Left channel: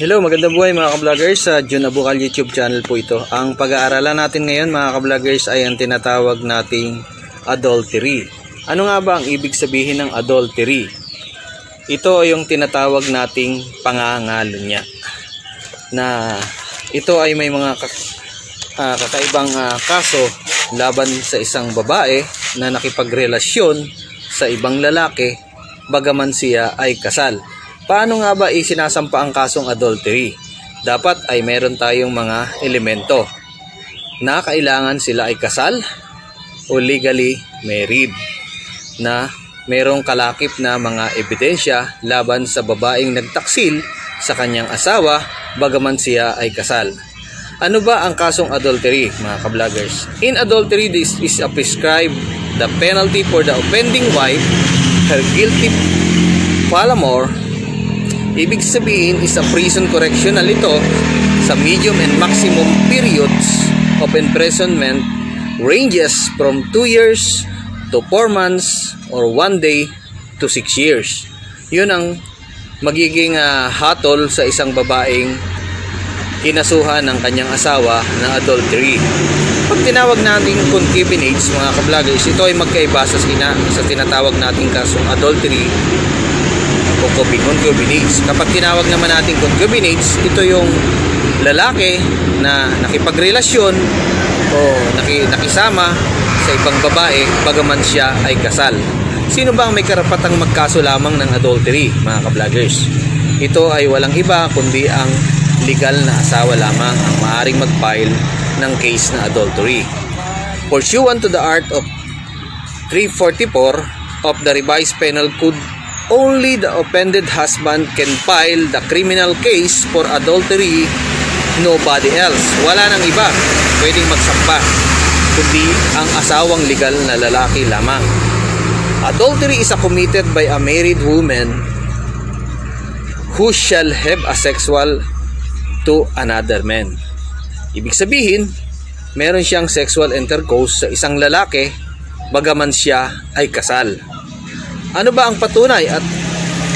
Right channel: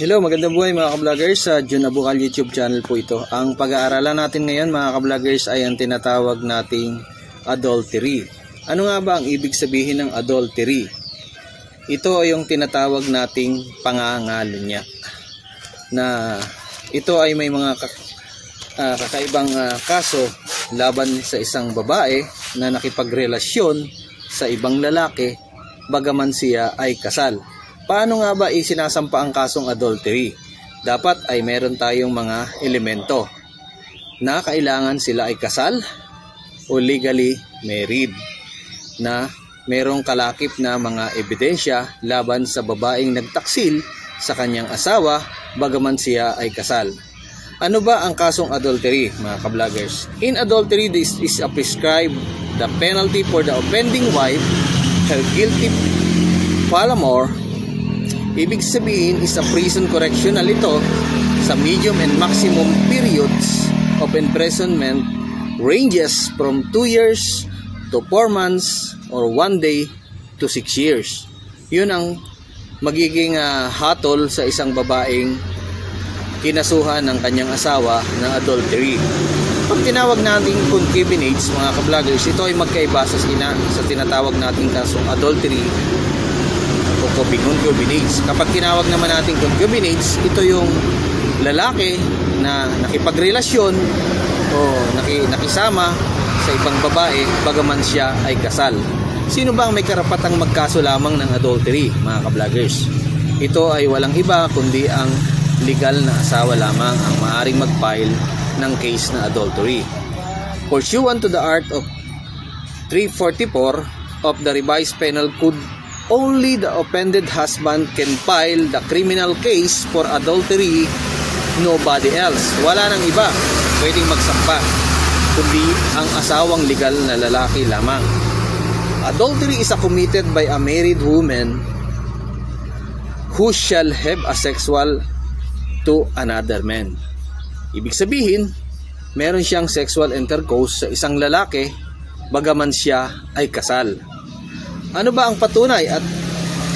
Hello, magandang buhay mga ka-vloggers. Sa Jun Abukal YouTube channel po ito. Ang pag-aaralan natin ngayon mga ka-vloggers ay ang tinatawag nating adultery. Ano nga ba ang ibig sabihin ng adultery? Ito ay yung tinatawag nating pangangalunya. Na ito ay may mga kakaibang kaso laban sa isang babae na nakipagrelasyon sa ibang lalaki bagaman siya ay kasal. Paano nga ba isinasampa ang kasong adultery? Dapat ay meron tayong mga elemento na kailangan sila ay kasal o legally married, na merong kalakip na mga ebidensya laban sa babaeng nagtaksil sa kanyang asawa bagaman siya ay kasal. Ano ba ang kasong adultery mga ka-vloggers? In adultery, this is a prescribed the penalty for the offending wife, her guilty paramour. Ibig sabihin is a prison correctional ito sa medium and maximum periods of imprisonment ranges from 2 years to 4 months or 1 day to 6 years. Yun ang magiging hatol sa isang babaeng kinasuhan ng kanyang asawa ng adultery. Pag tinawag natin concubinage mga ka-vloggers, ito ay magkaiba sa tinatawag nating kasong adultery o concubinage. Kapag tinawag naman natin concubinage, ito yung lalaki na nakipagrelasyon o nakisama sa ibang babae bagaman siya ay kasal. Sino ba ang may karapatang magkaso lamang ng adultery mga ka-vloggers? Ito ay walang iba kundi ang legal na asawa lamang ang maaaring mag-file ng case na adultery. Pursuant to the art of 344 of the Revised Penal Code, only the offended husband can file the criminal case for adultery, nobody else. Wala nang iba pwedeng magsampa kundi ang asawang legal na lalaki lamang. Adultery is committed by a married woman who shall have a sexual to another man. Ibig sabihin, meron siyang sexual intercourse sa isang lalaki bagaman siya ay kasal. Ano ba ang patunay at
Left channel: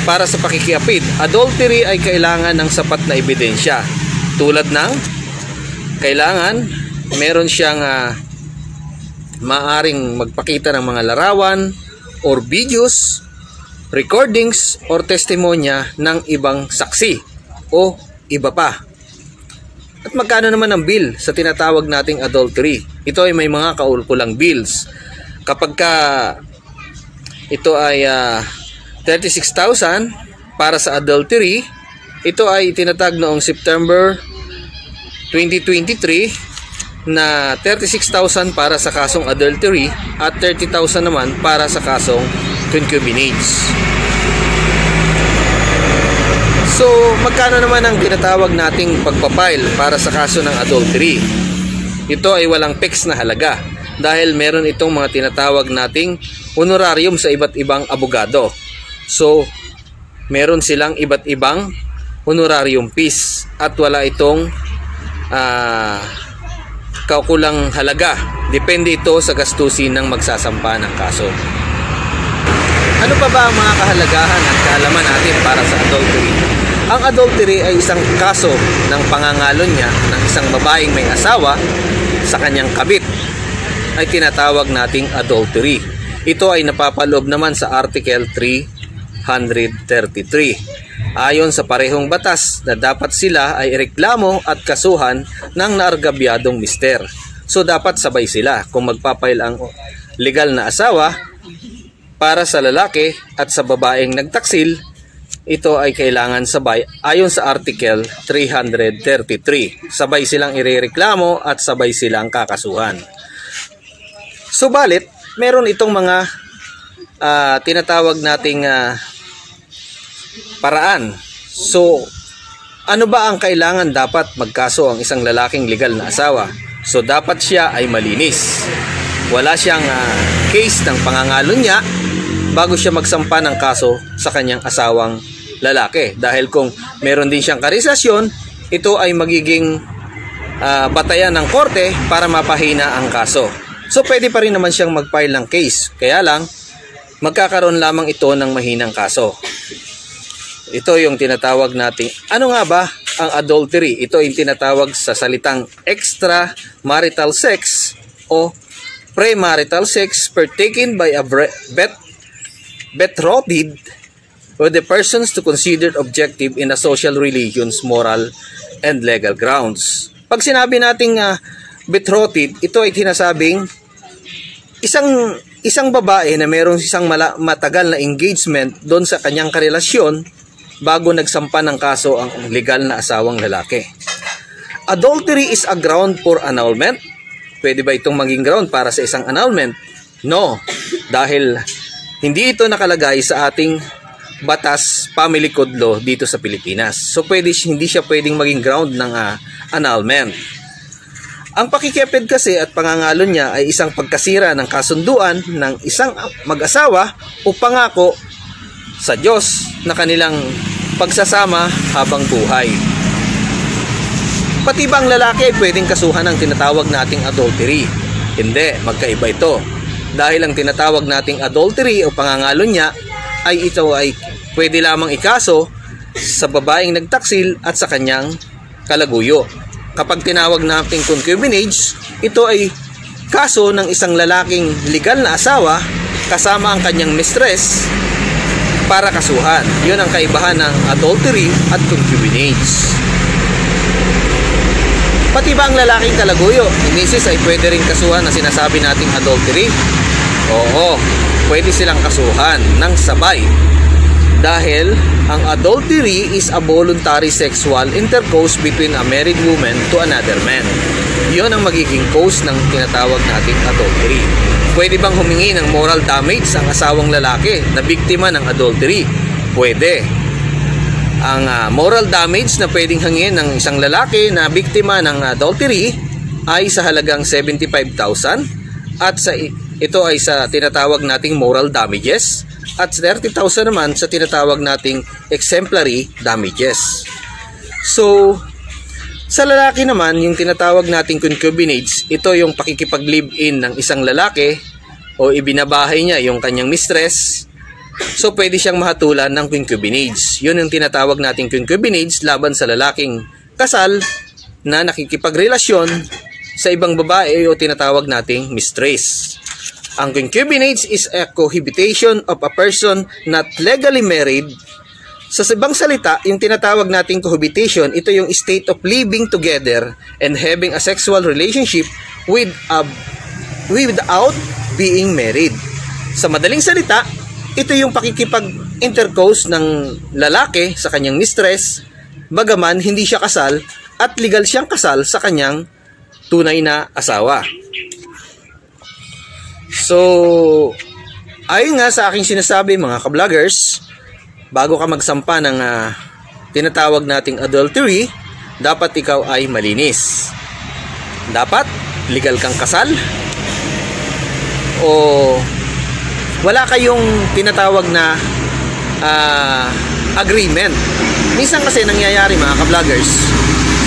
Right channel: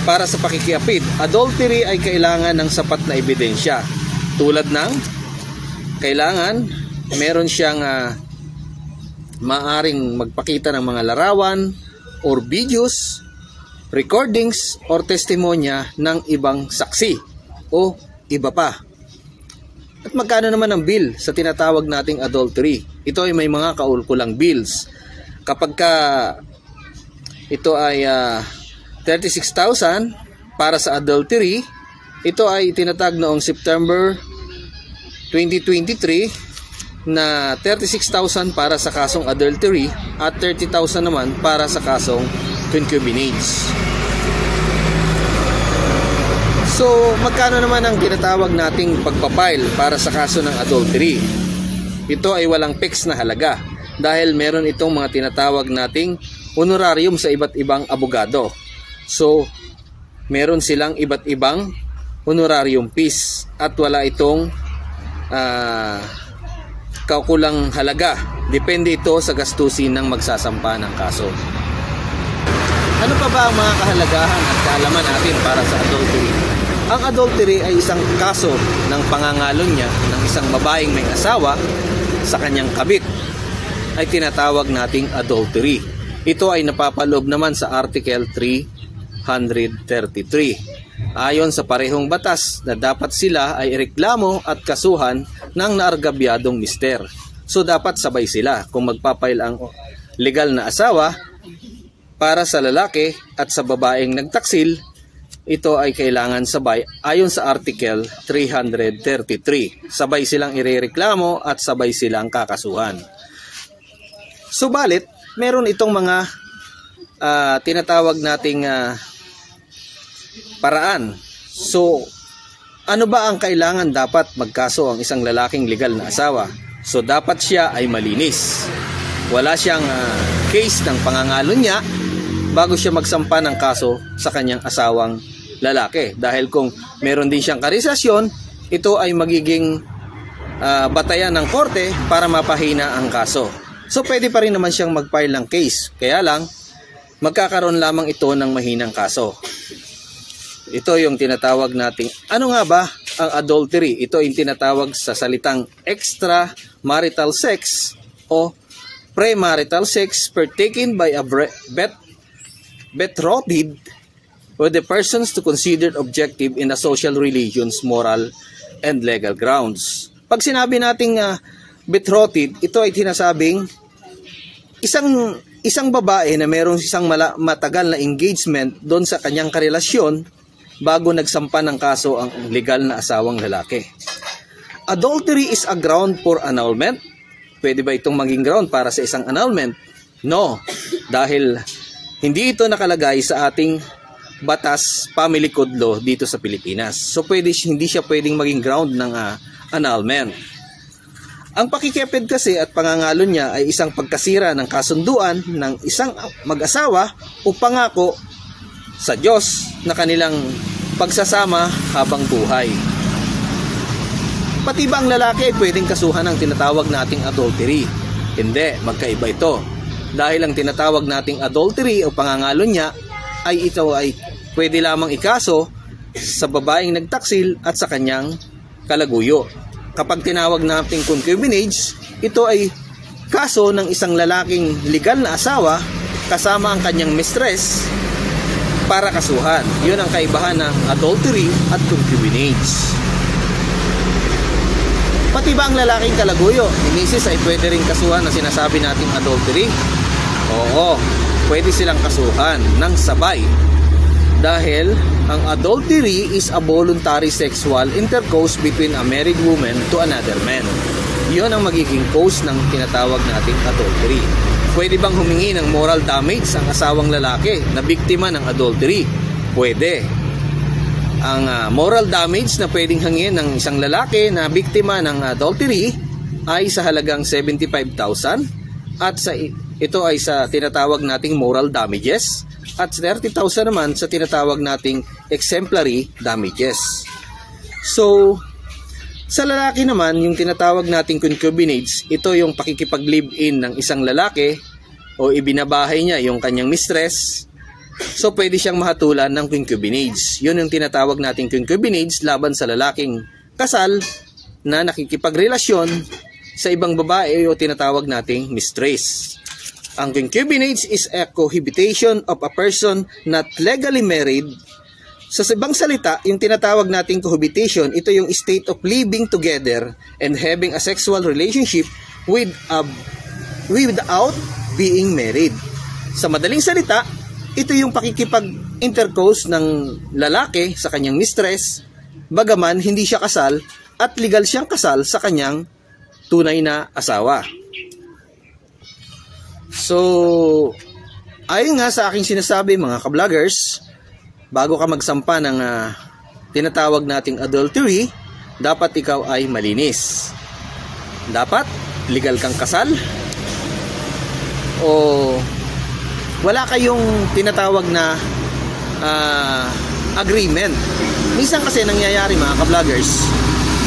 para sa pakikiapid? Adultery ay kailangan ng sapat na ebidensya. Tulad ng kailangan meron siyang maaring magpakita ng mga larawan or videos, recordings or testimonya ng ibang saksi o iba pa. At magkano naman ang bill sa tinatawag nating adultery? Ito ay may mga kaulkulang bills. Kapag ito ay 36,000 para sa adultery, ito ay tinatag noong September 2023 na 36,000 para sa kasong adultery at 30,000 naman para sa kasong concubinage. So, magkano naman ang tinatawag nating pagpapile para sa kaso ng adultery? Ito ay walang fix na halaga dahil meron itong mga tinatawag nating honorarium sa iba't ibang abogado. So, meron silang iba't ibang honorarium fees at wala itong kaukulang halaga. Depende ito sa gastusin ng magsasampa ng kaso. Ano pa ba ang mga kahalagahan at kaalaman natin para sa adultery? Ang adultery ay isang kaso ng pangangalunya ng isang babaeng may asawa sa kanyang kabit ay tinatawag nating adultery. Ito ay napapaloob naman sa Article 333. Ayon sa parehong batas na dapat sila ay ireklamo at kasuhan ng naargabyadong mister. So dapat sabay sila kung magpapail ang legal na asawa para sa lalaki at sa babaeng nagtaksil. Ito ay kailangan sabay ayon sa Article 333. Sabay silang irereklamo at sabay silang kakasuhan. Subalit, meron itong mga tinatawag nating paraan. So, ano ba ang kailangan dapat magkaso ang isang lalaking legal na asawa? So, dapat siya ay malinis. Wala siyang case ng pangangalunya bago siya magsampa ng kaso sa kanyang asawang lalaki. Dahil kung meron din siyang karisasyon, ito ay magiging batayan ng korte para mapahina ang kaso. So pwede pa rin naman siyang mag-file ng case. Kaya lang, magkakaroon lamang ito ng mahinang kaso. Ito yung tinatawag natin, ano nga ba ang adultery? Ito ay tinatawag sa salitang extramarital sex o premarital sex partaken by a betrothed or the persons to considered objective in a social relations, moral, and legal grounds. Pag sinabi nating betrothed, ito ay tinasabing isang babae na mayroong isang matagal na engagement doon sa kanyang karelasyon bago nagsampa ng kaso ang legal na asawang lalaki. Adultery is a ground for annulment. Pwede ba itong maging ground para sa isang annulment? No, dahil hindi ito nakalagay sa ating batas family code law dito sa Pilipinas. So hindi siya pwedeng maging ground ng annulment. Ang pakikipid kasi at pangangalon niya ay isang pagkasira ng kasunduan ng isang mag-asawa o pangako sa Diyos na kanilang pagsasama habang buhay. Pati ba ang lalaki ay pwedeng kasuhan ng tinatawag nating adultery? Hindi, magkaiba ito. Dahil ang tinatawag nating adultery o pangangalon niya ay ito ay pwede lamang ikaso sa babaeng nagtaksil at sa kanyang kalaguyo. Kapag tinawag natin concubinage, ito ay kaso ng isang lalaking legal na asawa kasama ang kanyang mistress para kasuhan. Yun ang kaibahan ng adultery at concubinage. Pati ba ang lalaking kalaguyo, misis, ay pwede rin kasuhan na sinasabi nating adultery? Oo, pwede silang kasuhan ng sabay. Dahil ang adultery is a voluntary sexual intercourse between a married woman to another man. Yon ang magiging cause ng tinatawag nating adultery. Pwede bang humingi ng moral damage ang asawang lalaki na biktima ng adultery? Pwede. Ang moral damage na pwedeng hangin ng isang lalaki na biktima ng adultery ay sa halagang 75,000 at ito ay sa tinatawag nating moral damages at 30,000 naman sa tinatawag nating exemplary damages. So, sa lalaki naman, yung tinatawag nating concubinage, ito yung pakikipag-live-in ng isang lalaki o ibinabahay niya yung kanyang mistress. So, pwede siyang mahatulan ng concubinage. Yun yung tinatawag nating concubinage laban sa lalaking kasal na nakikipagrelasyon sa ibang babae o tinatawag nating mistress. Ang concubinage is a cohabitation of a person not legally married. Sa ibang salita, yung tinatawag nating cohabitation, ito yung state of living together and having a sexual relationship without being married. Sa madaling salita, ito yung pakikipag-intercourse ng lalaki sa kanyang mistress, bagaman hindi siya kasal at legal siyang kasal sa kanyang tunay na asawa. So, ayon nga sa aking sinasabi mga ka-vloggers, bago ka magsampa ng tinatawag nating adultery, dapat ikaw ay malinis. Dapat legal kang kasal o wala kayong tinatawag na agreement. Minsan kasi nangyayari mga ka-vloggers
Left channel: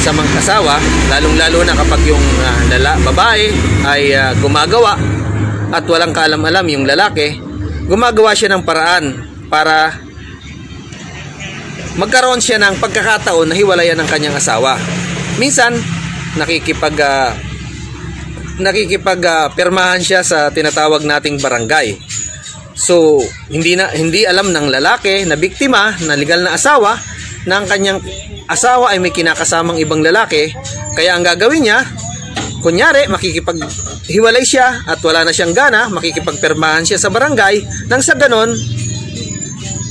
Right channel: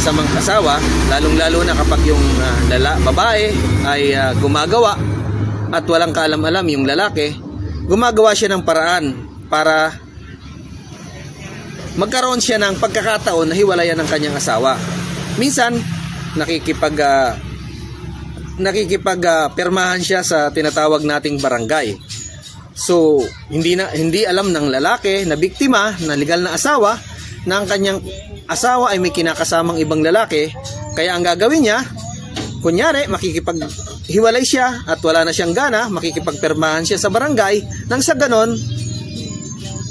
sa mga kasawa, lalong-lalo na kapag yung babae ay gumagawa at walang kaalam-alam yung lalaki, gumagawa siya ng paraan para magkaroon siya ng pagkakataon na hiwalayan ng kanyang asawa. Minsan nakikipag-pirmahan siya sa tinatawag nating barangay. So hindi alam ng lalaki na biktima na legal na asawa na ang kanyang asawa ay may kinakasamang ibang lalaki, kaya ang gagawin niya, kunyari makikipaghiwalay siya at wala na siyang gana, makikipagpirmahan siya sa barangay nang sa ganon,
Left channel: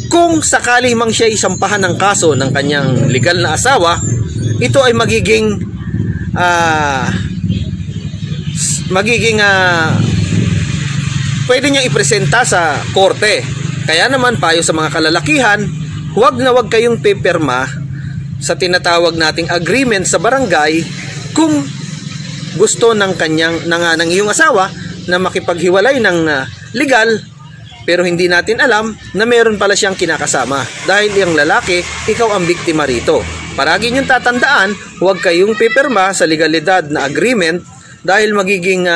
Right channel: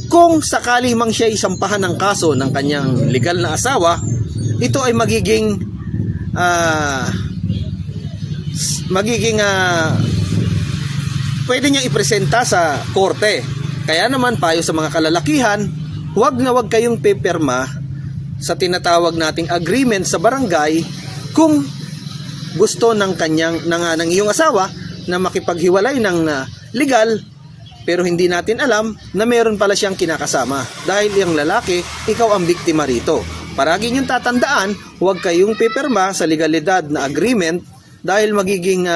kung sakali mang siya isampahan ng kaso ng kanyang legal na asawa, ito ay magiging pwede niyang ipresenta sa korte. Kaya naman payo sa mga kalalakihan, huwag na huwag kayong pipirma sa tinatawag nating agreement sa barangay kung gusto ng iyong asawa na makipaghiwalay ng legal, pero hindi natin alam na meron pala siyang kinakasama dahil yung lalaki, ikaw ang biktima rito. Paragi niyong tatandaan, huwag kayong pipirma sa legalidad na agreement dahil magiging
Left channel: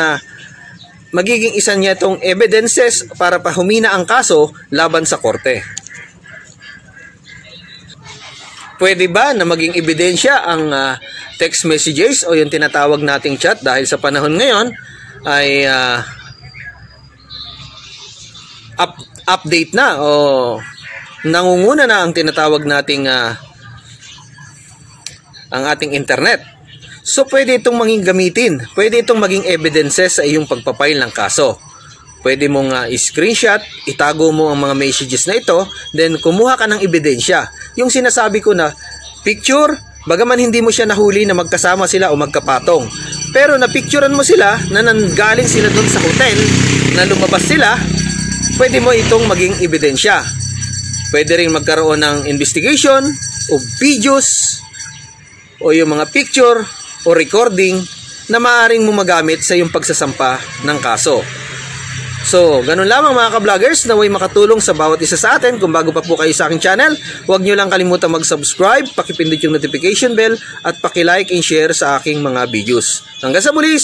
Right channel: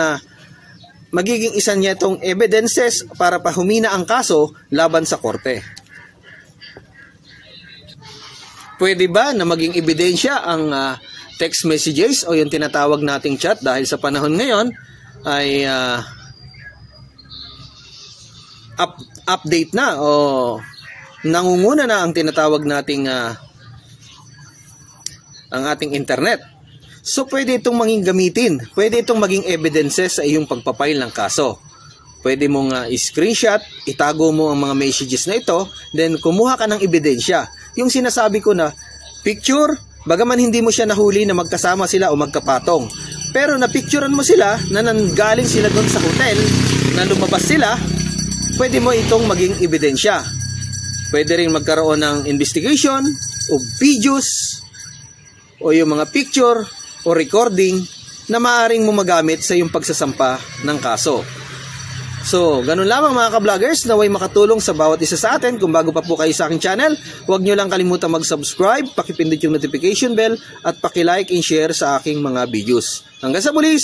isa niya itong evidences para pahumina ang kaso laban sa korte. pwede ba na maging ebidensya ang text messages o yung tinatawag nating chat dahil sa panahon ngayon ay update na o nangunguna na ang tinatawag nating ang ating internet. So pwede itong maging gamitin, pwede itong maging evidences sa iyong pagpapile ng kaso. Pwede mong screenshot, itago mo ang mga messages na ito, then kumuha ka ng ebidensya. Yung sinasabi ko na picture, bagaman hindi mo siya nahuli na magkasama sila o magkapatong. Pero napicturean mo sila na nanggaling sila doon sa hotel, na lumabas sila, pwede mo itong maging ebidensya. Pwede rin magkaroon ng investigation o videos o yung mga picture o recording na maaaring mo magamit sa iyong pagsasampa ng kaso. So, ganun lamang mga ka-vloggers, naway makatulong sa bawat isa sa atin. Kung bago pa po kayo sa aking channel, huwag nyo lang kalimutan mag-subscribe, pakipindot yung notification bell, at pakilike and share sa aking mga videos. Hanggang sa muli!